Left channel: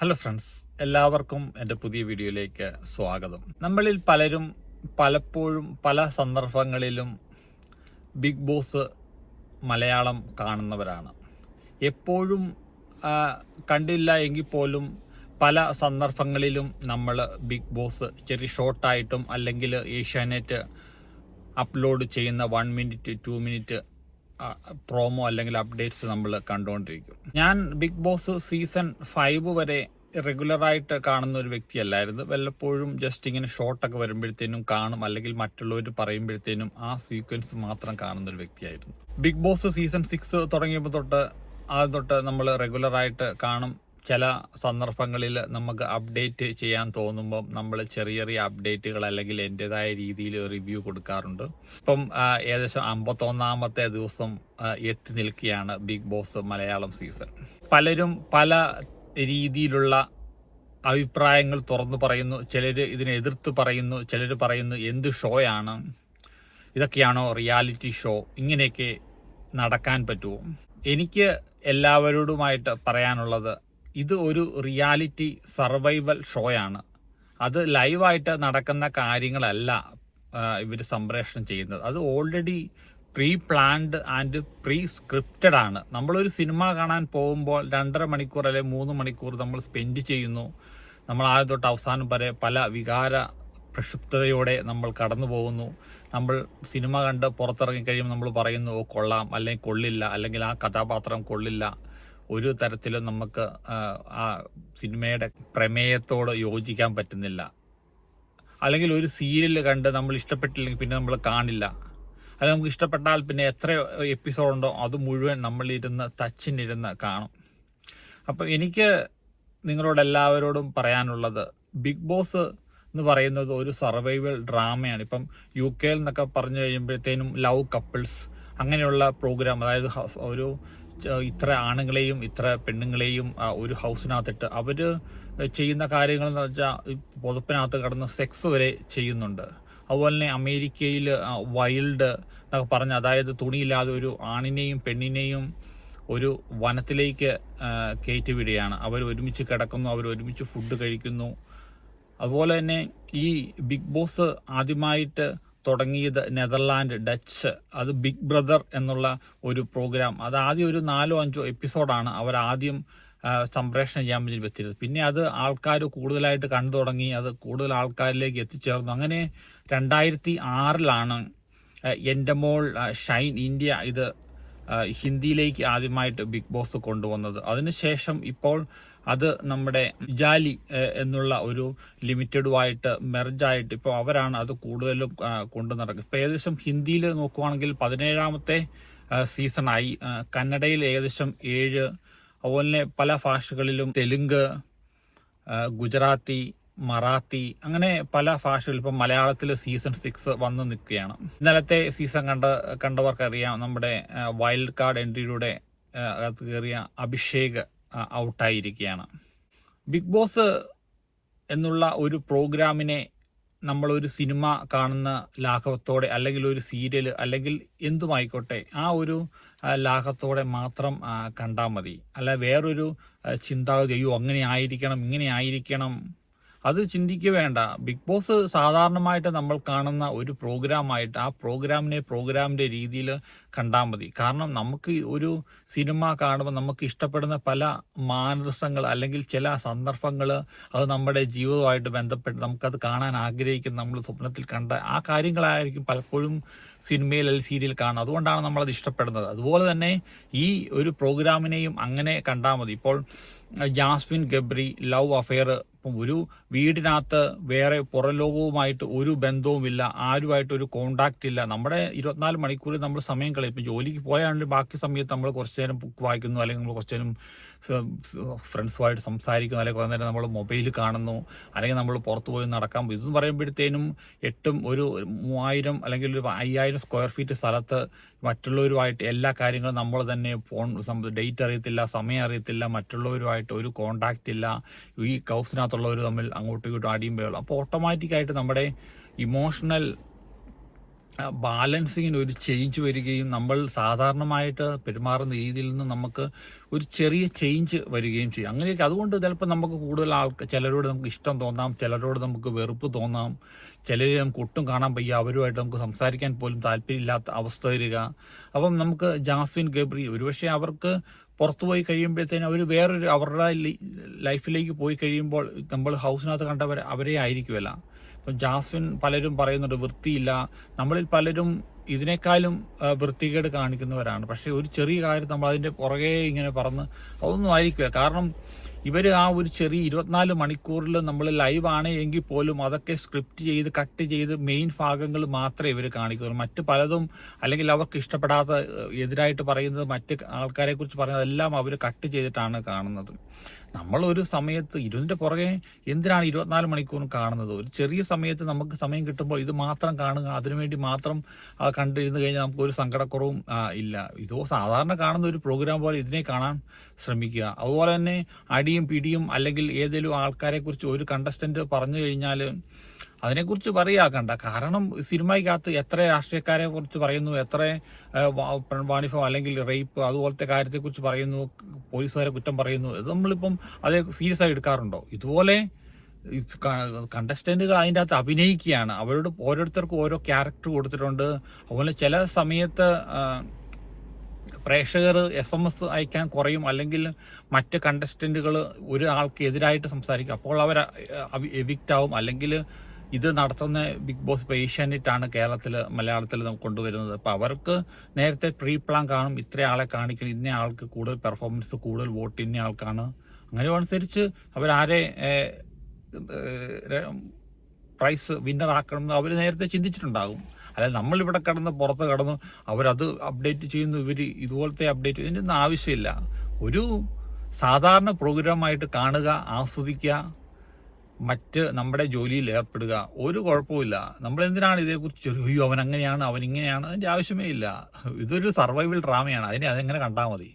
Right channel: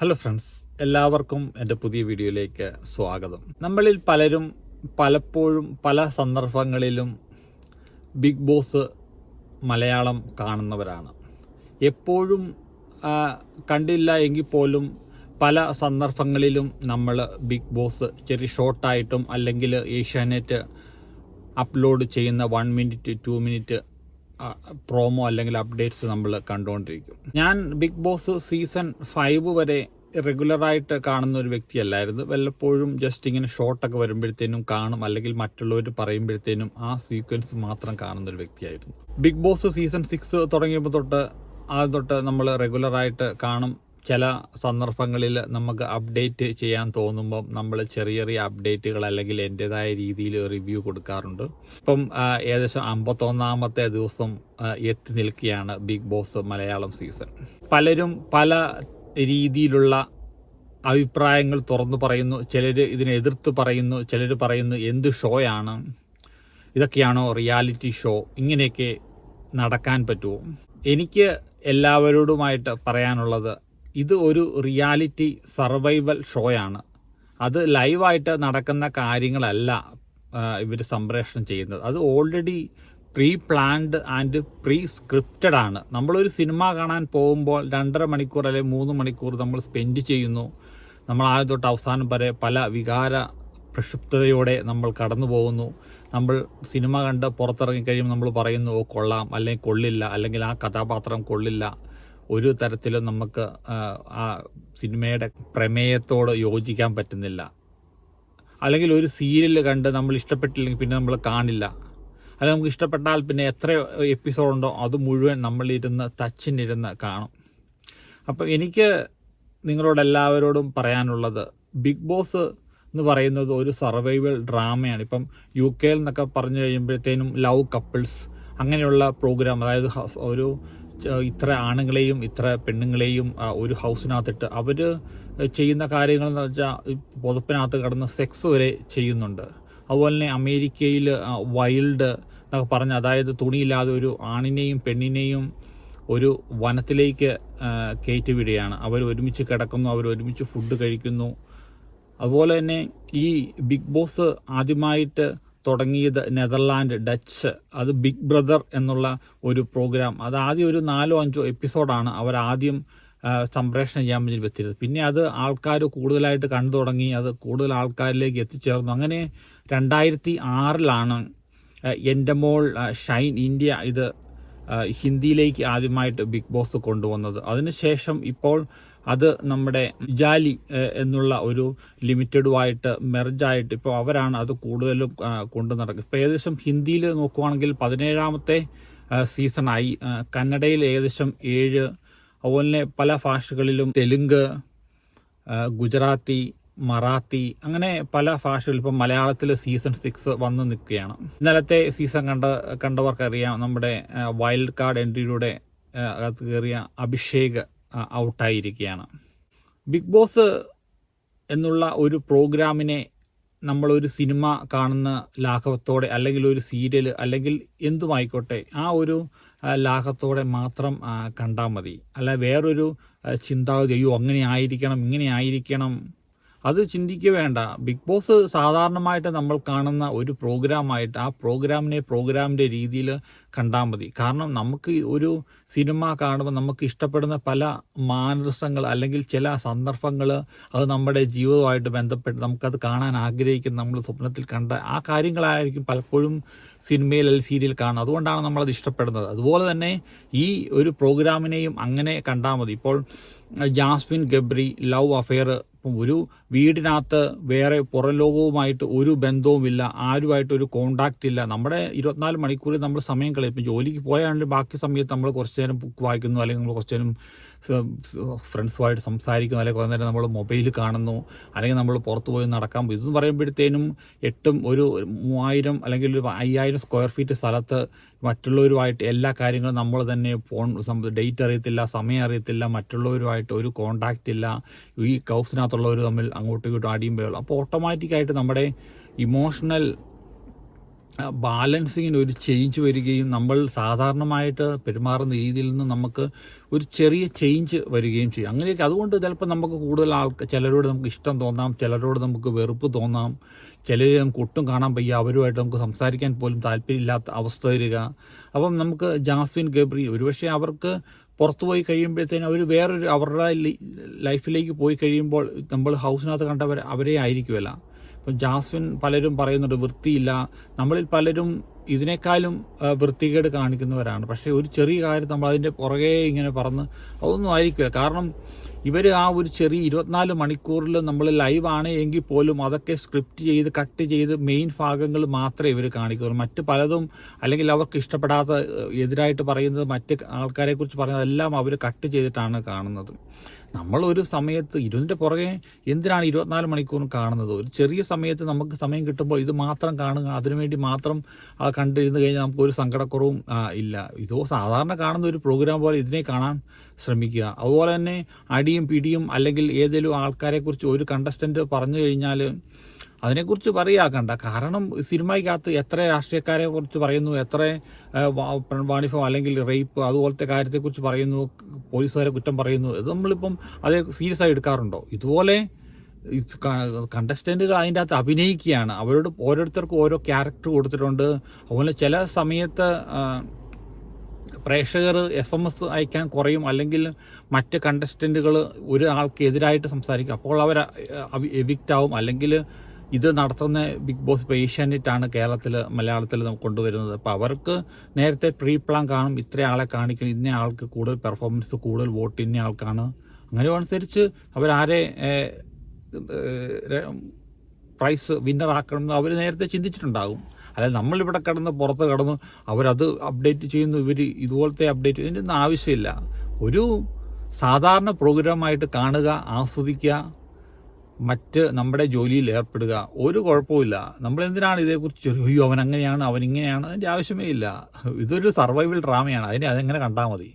Hello friends എല്ലാവർക്കും എന്റെ പുതിയ വീഡിയോയിലേക്ക് സ്വാഗതം. നമ്മളിൽ പലരും പലപ്പോഴും പല സന്ദർഭങ്ങളിലും ബിഗ് ബോസ് മലയാളം കാണുന്നവരാണ്. എപ്പോഴും കണ്ടില്ല എങ്കിൽ പോലും പല സന്ദർഭങ്ങളിലും നമ്മൾ ബിഗ് ബോസ് ചെറിയ ഷോർട്ടായിട്ടും അല്ലെങ്കിൽ ഏഷ്യാനെറ്റ് അപ്ലോഡ് ചെയ്യുന്ന one minute two minute promo അല്ലെങ്കിൽ അപ്ഡേറ്റ്സ് നമ്മൾ കണ്ടുകൊണ്ടിരിക്കും. ഞാൻ ബിഗ് ബോസ് സീസൺ ഫൈവ് വരെ റെഗുലറായിട്ട് കാണുന്ന ഒരു വ്യക്തിയല്ലായിരുന്നു. വല്ലപ്പോഴും ജസ്റ്റ് ഇങ്ങനെ ഷോർട്ടൊക്കെ വരുമ്പോഴത്തേനും കാണും. അല്ലെങ്കിൽ മറ്റുള്ളവർ പറയുമ്പോഴത്തേനും ആ സീക്വൻസ് മാത്രം കാണുന്ന ഒരു വ്യക്തിയായിരുന്നു. ബിഗ് ബോസ് സീസൺ സിക്സ് തുടങ്ങിയപ്പോൾ തൊട്ട് ആ തൊട്ട് നമ്മൾ റെഗുലറായിട്ട് കാണും. ചില സന്ദർഭങ്ങളിൽ നമുക്ക് അപ്ഡേറ്റ് ചെയ്യാൻ തോന്നുമ്പം നമ്മൾ ചെറിയ ചെറിയ അപ്ഡേറ്റുകൾ അല്ലെങ്കിൽ എന്റെതായ രീതിയിൽ റിവ്യൂ കൊടുക്കാറുണ്ട്. ഇപ്പം ഏകദേശം അമ്പത്തൊന്നാമത്തെ ദിവസം എത്തി നിൽക്കുകയാണ് ബിഗ് ബോസ് മലയാളം സീസൺ പലരും പല രീതിയിലുള്ള അഭിപ്രായങ്ങൾ തുറന്നു പറയുന്നു. ചിലർ ഇതിനെ എതിർത്ത് പറയുന്നു. ചിലർ പറയുന്നു എന്ത് ഷോയാണ് ഇതൊക്കെയാണോ റിയാലിറ്റി ഷോ ഇങ്ങനെയൊക്കെ നടക്കാൻ പറ്റുമോ? എനിക്ക് എല്ലാവരോടുമായിട്ട് പറയാനുള്ളത് ഇത് ഒരു റിയാലിറ്റി സർവൈവൽ ഷോയാണ്. അത് ലൈവായിട്ട് നടക്കുന്ന കാര്യങ്ങളല്ല ഇവർ സംപ്രേഷണം ചെയ്യുന്നത്. അത് already pre planned and pre scripted ആണ്. നമ്മളൊരു സിനിമ കാണാൻ പോകുമ്പോൾ രണ്ടര മണിക്കൂർ അല്ലെങ്കിൽ മൂന്ന് മണിക്കൂർ നമ്മൾ സ്പെൻഡ് ചെയ്യുന്നു. നമ്മൾ ആദ്യം തൊട്ട് അവസാനം വരെ പല വികാര പ്രക്ഷുബ്ധതയോടെ നമ്മൾ കടന്നു പോകുന്നു. നമ്മൾ സിനിമ കണ്ട് പുറത്തിറങ്ങി കഴിയുമ്പോൾ നമ്മൾ പറയുന്നു കൊള്ളാം. അല്ലെങ്കിൽ കൊള്ളില്ല. അല്ലെങ്കിൽ ആ കഥാപാത്രം കൊള്ളില്ല. ഒരു തരത്തിലും നമുക്ക് ആ, സിനിമയുടെ പ്രമേയത്തോട് യോജിക്കാൻ പറ്റുന്നില്ല. അല്ലെങ്കിൽ ഒരു സീരിയൽ കണ്ട് നമ്മൾ ഇഷ്ടപ്പെട്ടില്ലെങ്കിൽ പിന്നെ നമ്മൾ കാണില്ല. അത് നമുക്ക് ഇഷ്ടപ്പെട്ടാൽ പിന്നെ എത്ര എപ്പിസോഡ് ഉണ്ടോ അത് മുഴുവൻ നമ്മളിരുന്ന് തച്ചിനിരുന്ന് കാണും. അപ്പം എനിക്ക് നിങ്ങളോട് എല്ലാവരോടും പറയാനുള്ളത് ബിഗ് ബോസ് എന്ന് പറയുന്നത് ഒരു സർവൈവൽ ഡ്രാമയാണ് ഇപ്പം യു കെയിൽ നിന്നൊക്കെ പറഞ്ഞു കഴിയുമ്പോഴത്തേനും ലവ് കപ്പിൾസ് അങ്ങനെയുള്ള പ്രോഗ്രാം അതായത് ഒരു ഇത്ര ആണുങ്ങളെയും ഇത്ര പെണ്ണുങ്ങളെയും ഒരു ഹൗസിനകത്തിട്ട് അവർ ചെയ്യുന്ന കാര്യങ്ങൾ എന്ന് വെച്ചാൽ പുതപ്പിനകത്ത് കടന്ന് സെക്സ് വരെ ചെയ്യുന്നുണ്ട്. അതുപോലെ തന്നെ അമേരിക്കയിൽ വൈൽഡ് എന്നൊക്കെ പറഞ്ഞ് അതായത് തുണിയില്ലാതെ ഒരു ആണിനെയും പെണ്ണിനെയും ഒരു വനത്തിലേക്ക് കയറ്റി വിടുകയാണ് അവർ ഒരുമിച്ച് കിടക്കുന്നു അവർ ഒരുമിച്ച് ഫുഡ് കഴിക്കുന്നു. അതുപോലെ തന്നെ ഈ ബിഗ് ബോസ് ആദ്യമായിട്ട് തുടങ്ങിയത് നെതർലാൻഡ് ഡച്ച് അത് ബിഗ് ബ്രദർ എന്നുള്ള ഒരു പ്രോഗ്രാം. അത് ആദ്യം ഒരു നാലോ അഞ്ചോ എപ്പിസോഡാണ് അവർ ആദ്യം സംപ്രേഷണം ചെയ്യാൻ വേണ്ടി വെച്ചിരുന്നത്. പിന്നെ അത് ആൾക്കാർ കൂടുതലായിട്ട് കണ്ടു തുടങ്ങി അത് കൂടുതൽ ആൾക്കാരിലേക്ക് എത്തിച്ചേർന്നു. അങ്ങനെ രണ്ടായിരത്തി ആറിലാണ് എന്റെ മോൾ ഷൈൻ ഇന്ത്യ ഇത് ഹിന്ദിയിലേക്ക് ആദ്യമായിട്ട് ബിഗ് ബോസ് കൊണ്ടുവന്നത്. അതിനുശേഷം ഇപ്പോൾ അത് നമ്മുടെ ജാലി എന്നുള്ള ഒരു ലിമിറ്റഡുമായിട്ട് മെർജായിട്ട് ഇപ്പോൾ അവരാണ് അത് കൂടുതലും കൊണ്ടു നടക്കുന്നത്. ഇപ്പോൾ ഏകദേശം ഹിന്ദിയിൽ നോക്കുവാണെങ്കിൽ പതിനേഴാമത്തെ സീസണായി. കന്നഡയിൽ ഏകദേശം ഏഴ് അതുപോലെ പല ഭാഷകളിലും തെലുങ്ക് ഗുജറാത്തി മറാത്തി അങ്ങനെ പല ഭാഷകളിൽ ഇപ്പം മലയാളത്തിൽ സീസൺ സിക്സ് വന്നു നിൽക്കുകയാണ്. ഇന്നലത്തെ സീസൺ കണ്ട കണ്ടവർക്കറിയാം നമ്മുടെ വൈൽഡ് കാർഡ് എൻട്രിയിലൂടെ ആ, അകത്ത് കയറിയ അഭിഷേക് ഔട്ടായിരിക്കുകയാണ് ബിഗ് ബോസ് എന്നുള്ള ഒരു പ്രോഗ്രാമിനെ നമ്മളൊരു സിനിമ കാണുന്ന ലാഘവത്തോടെ അല്ലെങ്കിൽ ഒരു സീരിയൽ അല്ലെങ്കിൽ എന്തുമായിക്കോട്ടെ ആ ഒരു ലാഘത്തോടെ മാത്രം കണ്ടാൽ മതി. അല്ല വേറൊരു ചിന്താഗതി അയ്യോ അങ്ങനെ ആയിരിക്കണം ഇങ്ങനെ ആയിരിക്കണം അത് ചിന്തിക്കുക വേണ്ട. ബിഗ് ബോസ് സാധാരണമായിട്ട് നമ്മൾ കാണുന്ന ഒരു പ്രോഗ്രാമായിട്ട് ആ പ്രോഗ്രാമിനെ പ്രോഗ്രാമിന്റെ രീതിയിൽ കണ്ടാൽ മതി. കാരണം നമുക്ക് ഒരു സിനിമ കാണുമ്പോൾ നമുക്ക് ഇഷ്ടപ്പെടുന്ന പല മാനസങ്ങൾ അല്ലെങ്കിൽ ചില സന്ദർഭങ്ങൾ അത് നമ്മുടെ ജീവിതവുമായിട്ട് ബന്ധപ്പെട്ട് നമുക്കത് കാണാൻ ആഗ്രഹിക്കുന്ന നമ്മൾ സ്വപ്നത്തിൽ കണ്ട ആ കാര്യങ്ങളായിരിക്കും പലപ്പോഴും സിനിമയിൽ അല്ലെങ്കിൽ സീരിയൽ കാണുന്നത്. അതുകൊണ്ടാണ് നമ്മളത് ഇഷ്ടപ്പെടുന്നത്. അതുപോലെ തന്നെ ഈ ഒരു പ്രോഗ്രാമിനെയും അങ്ങനെ കണ്ടാൽ മതി. ഇപ്പോൾ ജാസ്മിൻ ഗബ്രി ലവ് അഫെയർ ഇപ്പം ഒരു വീടിനകത്ത് വേറെ പുറം ലോകവുമായിട്ട് ഒരു ബന്ധവുമില്ല ആരുമായിട്ട് ഒരു കോണ്ടാക്റ്റ് ഇല്ല. നമ്മുടെ ഇരുപത്തിനാല് മണിക്കൂറിൽ നമ്മൾ സമയം കളയും ഇപ്പം ജോലിക്ക് പോയാണെങ്കിൽ ബാക്കി സമയത്ത് നമ്മൾ കുറച്ച് നേരം ബുക്ക് വായിക്കുന്നു അല്ലെങ്കിൽ നമ്മൾ കുറച്ച് നേരം ഫ്രണ്ട്സുമായിട്ട് സംസാരിക്കുന്നു അല്ലെങ്കിൽ കുറേ നേരം നമ്മൾ മൊബൈൽ കാണുന്നു അല്ലെങ്കിൽ നമ്മൾ പുറത്ത് പോയി നടക്കാൻ പോയി. ഇതെന്ന് പറയുമ്പോഴത്തേനും എട്ടും ഒരു മൂവായിരം അല്ലെങ്കിൽ ഒരു അയ്യായിരം സ്ക്വയർ ഫീറ്റ് സ്ഥലത്ത് മറ്റുള്ളവരുമായിട്ട് എല്ലാ കാര്യങ്ങളും നമ്മൾ തന്നെ ഫോൺ ഡേറ്റ് അറിയത്തില്ല സമയം അറിയത്തില്ല മറ്റുള്ളവരുമായിട്ട് ഒരു കോണ്ടാക്റ്റ് ഇല്ല. ഈ കൗസിനകത്തുള്ളവർ തമ്മിൽ അങ്ങോട്ടും ഇങ്ങോട്ടും അടിയും അപ്പോൾ ഓട്ടോമാറ്റിക്കായിട്ട് നമ്മുടെ ഇമോഷണൽ ബാലൻസിങ്ങിന് ഒരു ചേഞ്ച് വരികയും നമ്മൾ സാധാരണമായിട്ട് പെരുമാറുന്ന രീതിയിൽ നിന്ന് നമുക്ക് ഒരു ചെറിയ ചേഞ്ച് വരികയും ചെയ്യും. അങ്ങനെയൊക്കെ അതുകൊണ്ട് ചിലപ്പോൾ നമുക്ക് കൂടുതൽ ആൾക്ക് ചിലരോട് നമുക്ക് ഇഷ്ടം തോന്നാം ചിലരോട് നമുക്ക് വെറുപ്പ് തോന്നാം ചിലരെ നമുക്ക് ഒട്ടും കാണാൻ വയ്യ അവരുമായിട്ട് നമുക്ക് സംസാരിക്കാൻ പോലും താല്പര്യമില്ലാത്ത അവസ്ഥ വരിക. അപ്പം നമുക്ക് ജാസ്മിൻ ഗബ്രി ഒരുപക്ഷെ അവർക്ക് പുറത്തു പോയി കഴിയുമ്പോഴത്തേന് അവർ വേറൊരു അവരുടെ ലൈഫിലേക്ക് പോയി കഴിയുമ്പോൾ നമ്മൾ ഹൗസിനകത്ത് കണ്ടവർ അവരെ ആയിരിക്കുമല്ല. ഇപ്പം ജാസ്മിൻ പലരും പറയുന്നുണ്ട് വൃത്തിയില്ല. നമ്മളിൽ പലരും ഇതിനേക്കാളും വൃത്തികേട് കാണിക്കുന്നവരാണ്. പക്ഷേ ഒരു ചെറിയ കാര്യം നമ്മൾ അതിന്റെ പുറകെ ഇങ്ങനെ പറന്ന് അതൊന്നും ആയിരിക്കില്ല. കാരണം ഇവർ ആ ഒരു ചെറിയ ഇരുപത്തിനാല് മണിക്കൂറിൽ നമ്മൾ ലൈവ് ആണ് എങ്കിൽ പോലും അതൊക്കെ സ്ക്രിപ്റ്റ് ചെയ്ത് കട്ട് ചെയ്ത് മെയിൻ ഭാഗങ്ങൾ മാത്രമേ ഇവർ കാണിക്കുള്ളൂ. മറ്റ് പലതും അല്ലെങ്കിൽ അവർക്ക് ഇഷ്ടപ്പെടാത്ത എതിരായിട്ട് പറയുന്നത് മറ്റ് ആൾക്കാരെ കുറിച്ച് പറയുന്നത് എല്ലാം അവർ കട്ട് ചെയ്തിട്ടാണ് കാണുന്നത്. നമ്മളൊരു സമയത്ത് ഇതിന്റെ പുറകെ എന്തിനാണ് ഇരുപത്തിനാല് മണിക്കൂർ കാണുന്നത്? ഒരു ചെറിയ സമയത്ത് നമുക്ക് സമയം കിട്ടുമ്പോൾ ഇത് മാത്രം കാണുക അതിനുവേണ്ടി മാത്രം കണ്ടിരുന്ന് കഴിഞ്ഞാൽ നമുക്ക് ഒരു സങ്കടക്കുറവും ഇല്ല. ഇതോ സാധാരണ കാണുന്ന ഒരു പ്രോഗ്രാം പോലെ ഇതിനെ കാണാൻ ശ്രമിക്കുക. അതുപോലെ തന്നെ അടിയും പിടിയും അല്ലെങ്കിൽ ഏതെങ്കിലും ആൾക്കാരെക്കുറിച്ച് ഒരു കണ്ടസ്റ്റന്റ് പറഞ്ഞു കഴിഞ്ഞാൽ അതിനെക്കുറിച്ച് പറയാക്കണ്ട. കാരണം സിനിമയ്ക്കകത്ത് എത്ര രാഷ്ട്രീയക്കാരെ കുറിച്ച് പറയുന്നു എത്ര ആ, അല്ലെങ്കിൽ റേപ്പ് അതുപോലത്തെ കാര്യത്തെക്കുറിച്ച് പറയുന്നു പോലീസുകാരെ കുറ്റം പറയുന്നു ഇത് നമ്മളിപ്പം അത് സീരിയസ് ആയി എടുക്കാറുണ്ടോ? ഇതുപോലെ കണ്ടസ്റ്റന്റുകൾ അതിന്റെ അകത്ത് അഭിനയിക്കുകയാണ്. അവരോട് ഓരോരുത്തർക്കും ഓരോ ക്യാരക്ടർ കൊടുത്തിട്ടുണ്ട്. അതുപോലെ ചില സമയത്ത് പ്രേക്ഷകർ എസ് എം എസ് അയക്കാൻ കുറയും. അല്ലെങ്കിൽ മറ്റ് കണ്ടസ്റ്റന്റുകൾ ഒരു ആൾക്ക് എതിരായിട്ട് സംസാരിക്കും. അപ്പോൾ അവർ എവിക്റ്റ് ആവും. അല്ലെങ്കിൽ ഇത് നടത്തുന്ന ബിഗ് ബോസ് ഇപ്പോൾ ഏഷ്യാനെറ്റാണ് കേരളത്തിൽ മലയാളത്തിൽ നമുക്ക് കൊണ്ടുവരുന്നത്. അപ്പോൾ അവർക്ക് നേരത്തെ പ്രീ പ്ലാൻ കാണും. ഇത്ര ആളെ കാണിക്കണം. ഇന്ന ആൾക്ക് കൂടുതൽ പെർഫോമൻസ് കൂടുതൽ വോട്ട് ഇന്ന ആൾക്കാണ്. അങ്ങനെ അനുസരിച്ച് അവരാരെ പ്രൈസ് വിന്നർ ആക്കണം എന്ന് അവർ നേരത്തെ ചിന്തിച്ചിട്ടുണ്ടാകും. അല്ലെങ്കിൽ നമ്മളിവിടെ കടന്ന് പുറത്ത് കിടന്ന് അവരത് അപ്ഡേറ്റ് ചെയ്യുന്നു ഇവർ ഇതുപോലത്തെ അപ്ഡേറ്റ് ഇതിന്റെ ഒന്നും ആവശ്യമില്ല. ഒരു സാധാരണ പ്രോഗ്രാമായിട്ട് കാണുക ആസ്വദിക്കുക മറ്റ് നമ്മുടെ ജോലിയിൽ ഏർപ്പെടുക ഒരു കുഴപ്പമില്ല നമ്മളെന്തിനാണ് ഇതേക്കുറിച്ച് അയ്യോ അവൻ അങ്ങനെയാണ് അവൻ ഇങ്ങനെയാണ് അതിന്റെ ആവശ്യമേ ഇല്ല. ഇതൊരു സർവൈവൽ ഡ്രാമയാണ് അതിനെ അതെങ്ങനെ കണ്ടാൽ മതി?